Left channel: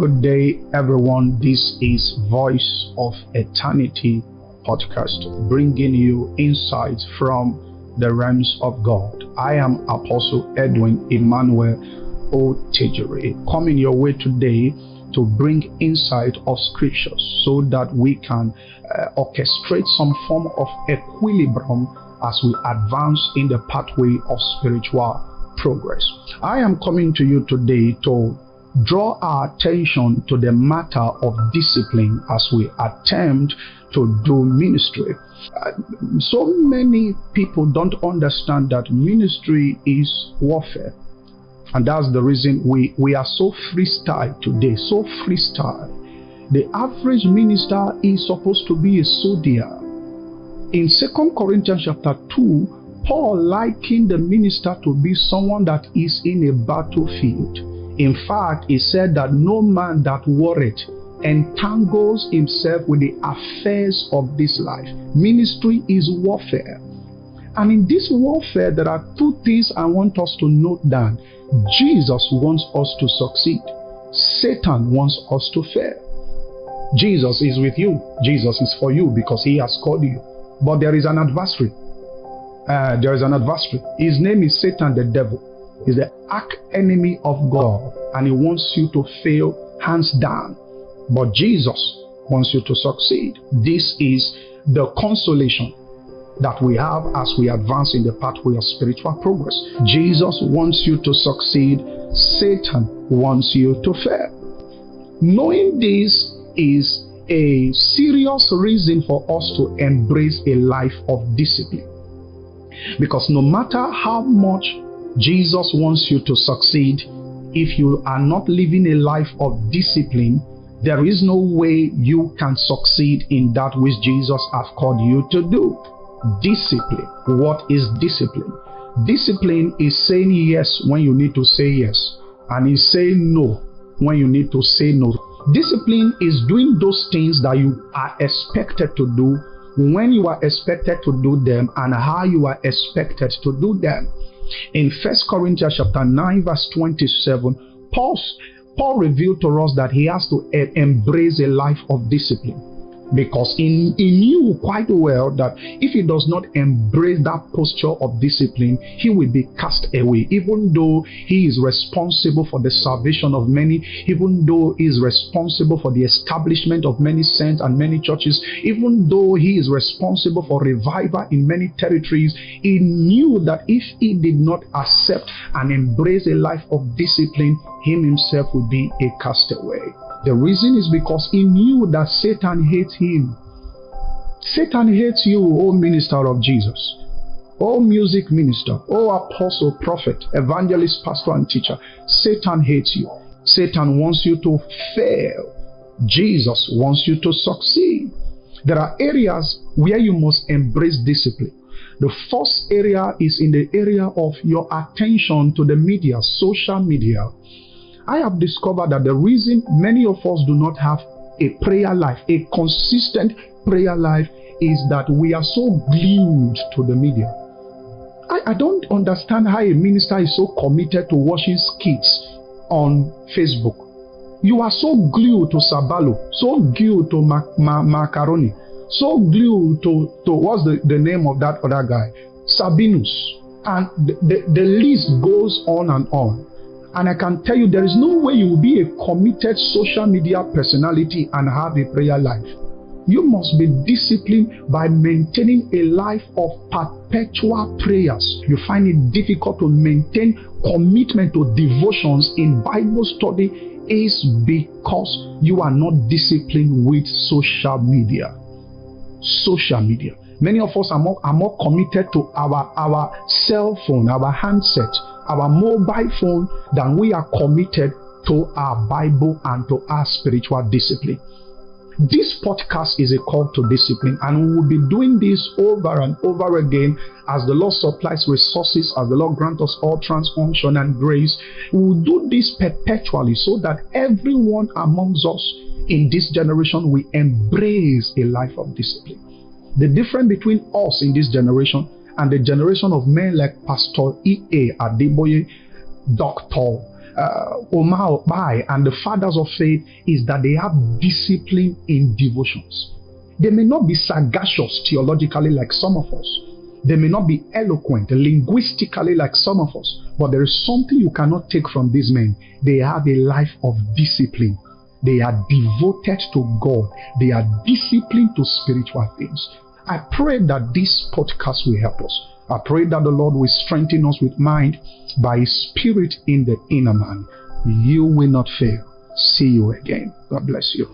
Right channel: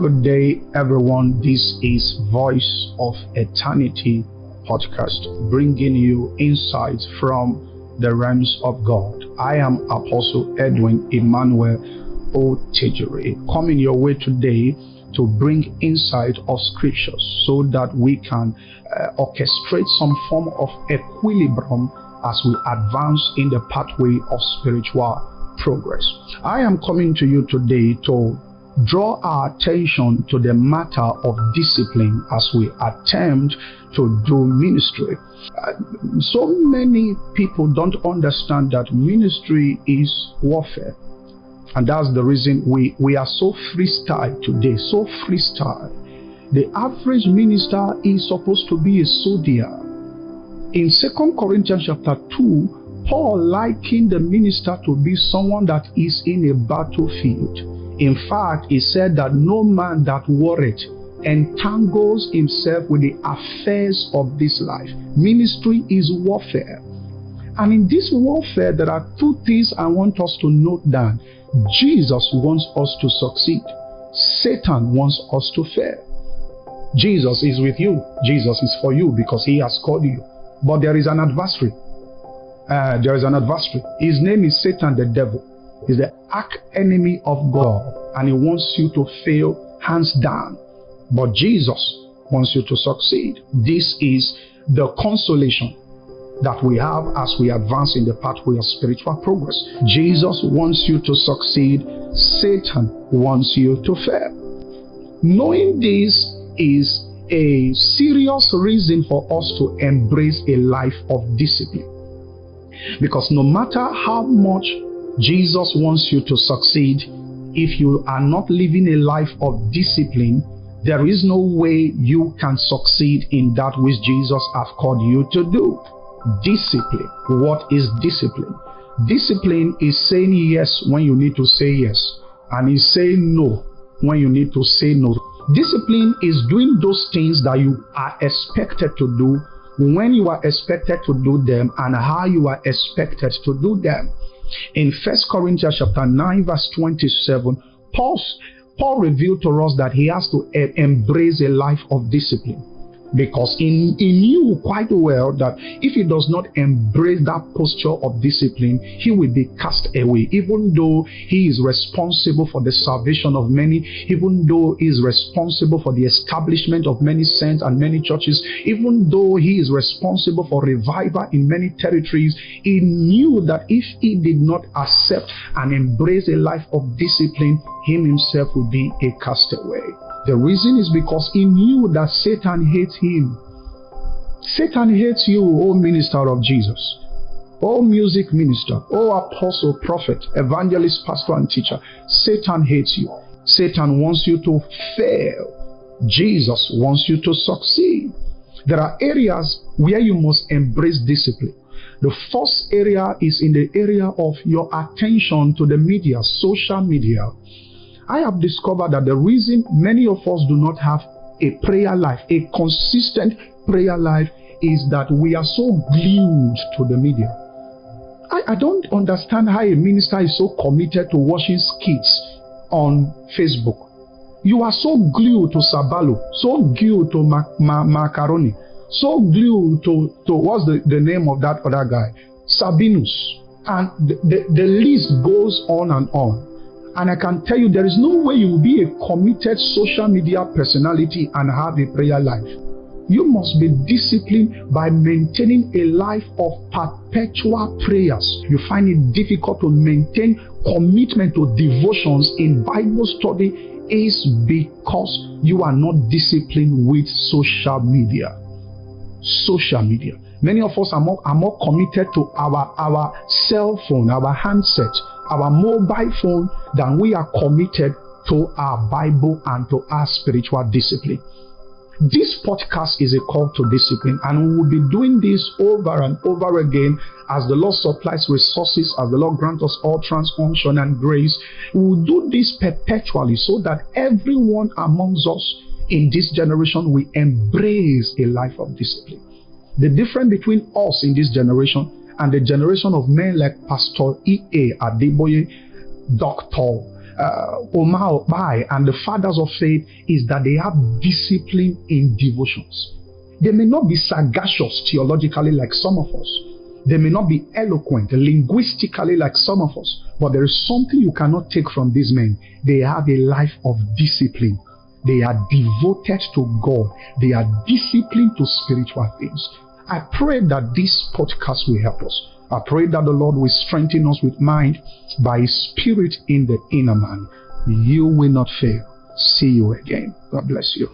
Good day, everyone. This is Voice of Eternity podcast, bringing you insights from the realms of God. I am Apostle Edwin Emmanuel Otejiri, coming your way today to bring insight of scriptures so that we can orchestrate some form of equilibrium as we advance in the pathway of spiritual progress. I am coming to you today to draw our attention to the matter of discipline as we attempt to do ministry. So many people don't understand that ministry is warfare. And that's the reason we are so freestyle today, so freestyle. The average minister is supposed to be a soldier. In 2 Corinthians chapter 2, Paul likened the minister to be someone that is in a battlefield. In fact, he said that no man that warreth entangles himself with the affairs of this life. Ministry is warfare. And in this warfare, there are two things I want us to note down. Jesus wants us to succeed. Satan wants us to fail. Jesus is with you. Jesus is for you because he has called you. But there is an adversary. His name is Satan, the devil. He's the arch enemy of God, and he wants you to fail hands down. But Jesus wants you to succeed. This is the consolation that we have as we advance in the pathway of spiritual progress. Jesus wants you to succeed. Satan wants you to fail. Knowing this is a serious reason for us to embrace a life of discipline. Because no matter how much Jesus wants you to succeed, if you are not living a life of discipline, there is no way you can succeed in that which Jesus has called you to do. Discipline. What is discipline? Discipline is saying yes when you need to say yes, and is saying no when you need to say no. Discipline is doing those things that you are expected to do, when you are expected to do them, and how you are expected to do them. In 1 Corinthians chapter 9 verse 27, Paul revealed to us that he has to embrace a life of discipline. Because he knew quite well that if he does not embrace that posture of discipline, he will be cast away. Even though he is responsible for the salvation of many, even though he is responsible for the establishment of many saints and many churches, even though he is responsible for revival in many territories, he knew that if he did not accept and embrace a life of discipline, him himself would be a castaway. The reason is because he knew that Satan hates him. Satan hates you, O minister of Jesus, O music minister, O apostle, prophet, evangelist, pastor, and teacher. Satan hates you. Satan wants you to fail. Jesus wants you to succeed. There are areas where you must embrace discipline. The first area is in the area of your attention to the media, social media. I have discovered that the reason many of us do not have a prayer life, a consistent prayer life, is that we are so glued to the media. I don't understand how a minister is so committed to watching skits on Facebook. You are so glued to Sabalo, so glued to Macaroni, so glued to what's the name of that other guy? Sabinus. And the list goes on and on. And I can tell you, there is no way you will be a committed social media personality and have a prayer life. You must be disciplined by maintaining a life of perpetual prayers. You find it difficult to maintain commitment to devotions in Bible study is because you are not disciplined with social media. Social media. Many of us are more committed to our cell phone, our handset, our mobile phone, than we are committed to our Bible and to our spiritual discipline. This podcast is a call to discipline, and we will be doing this over and over again as the Lord supplies resources, as the Lord grants us all unction and grace. We will do this perpetually so that everyone amongst us in this generation will embrace a life of discipline. The difference between us in this generation and the generation of men like Pastor E.A. Adeboye, Dr. Omar Obai and the fathers of faith is that they have discipline in devotions. They may not be sagacious theologically like some of us. They may not be eloquent linguistically like some of us. But there is something you cannot take from these men. They have a life of discipline. They are devoted to God. They are disciplined to spiritual things. I pray that this podcast will help us. I pray that the Lord will strengthen us with mind by His Spirit in the inner man. You will not fail. See you again. God bless you.